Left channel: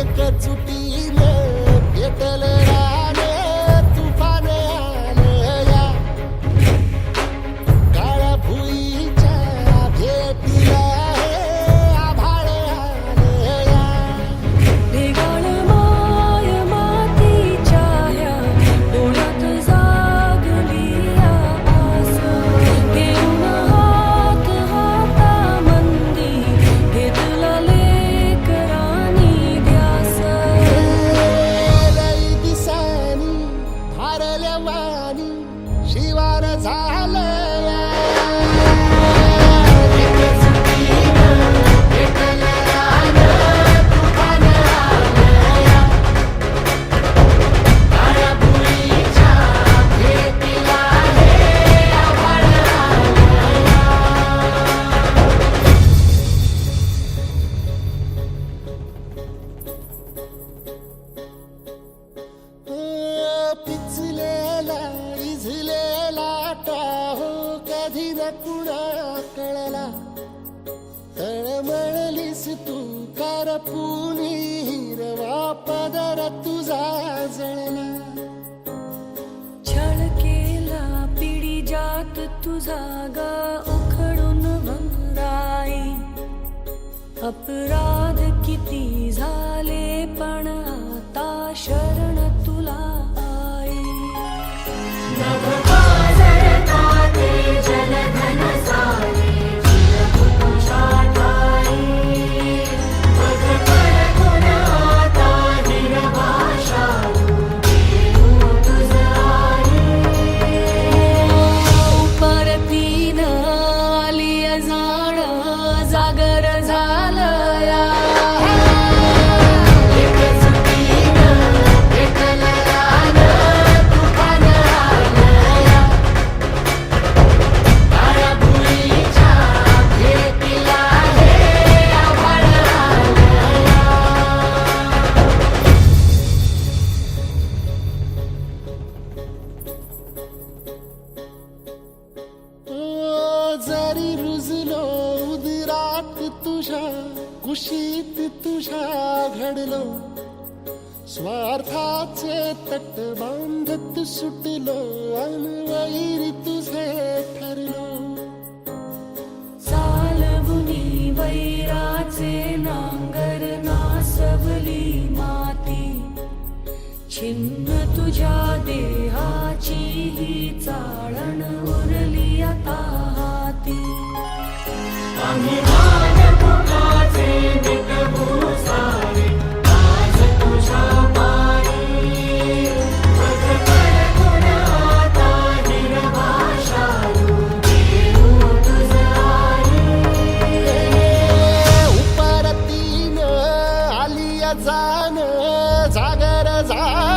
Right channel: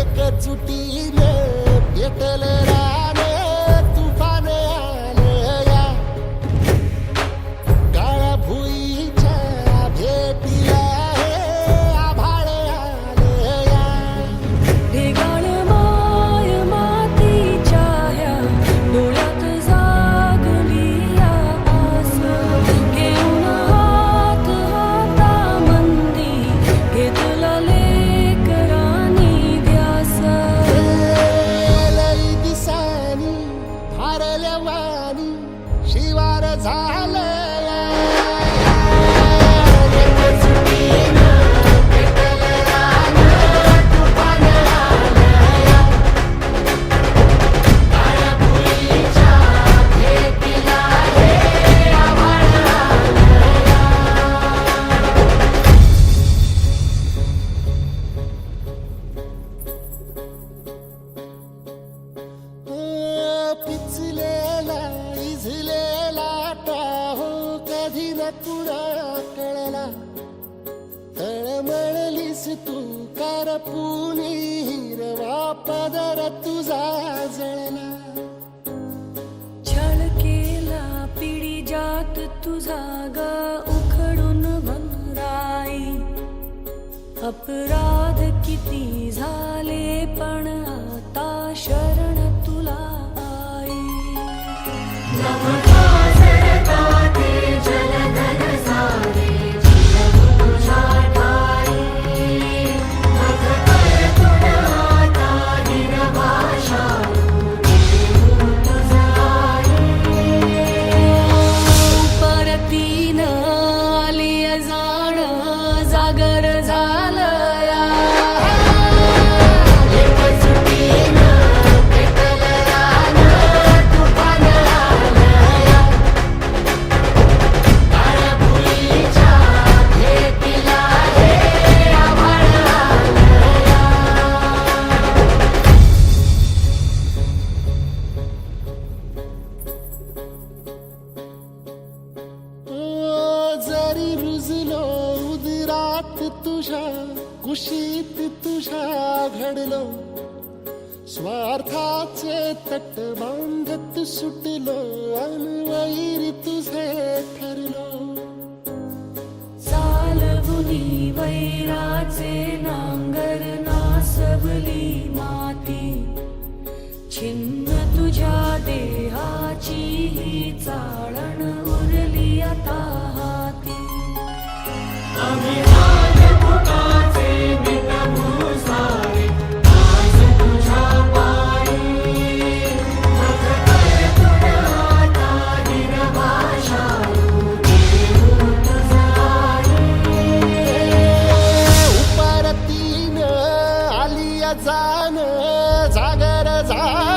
एकजुटीने पेटल रान तुफान आलं या काळ्या भुईच्या भेटीला हे आभाळ आलं या ढेगाळ माय मातीच्या ह्या डोळ्यात जागली या आस घेऊन हात हातामंदी घेतला लेकरांनी ध्यास लई दिसानी भारल्या वाणी शिवार झालं या एकजुटीनं पेटल रान तुफान आलं या काळ्या भुईच्या भेटीला हे आभाळ आलं या पिचलेला इझलेला टाहो कधी न कुणा कळला तळमळलीस तू करपुनी हिरवा पदर तुझा जळला छळ केला पिढी जात तुझा ग उखडून वनराई अपराध किती झाले पण आता शरण तुला आई परतीन आली जाण जागर झालं या एकजुटीनं पेटल रान तुफान आलं या काळ्या भुईच्या भेटीला हे आभाळ आलं या जरी रुजलो उदरात तुझ्या कुशीत तुझ्या घडलो स्वार्थाचे तट बांधत सुटलो अनवैरी तुझे ठरलो चालवुनी वैराचे नांगर नासवली माती छिन्न तुझ्या देहाची ही चाळण उरली आता हाती उपरतीनं आली जाण जागर झालं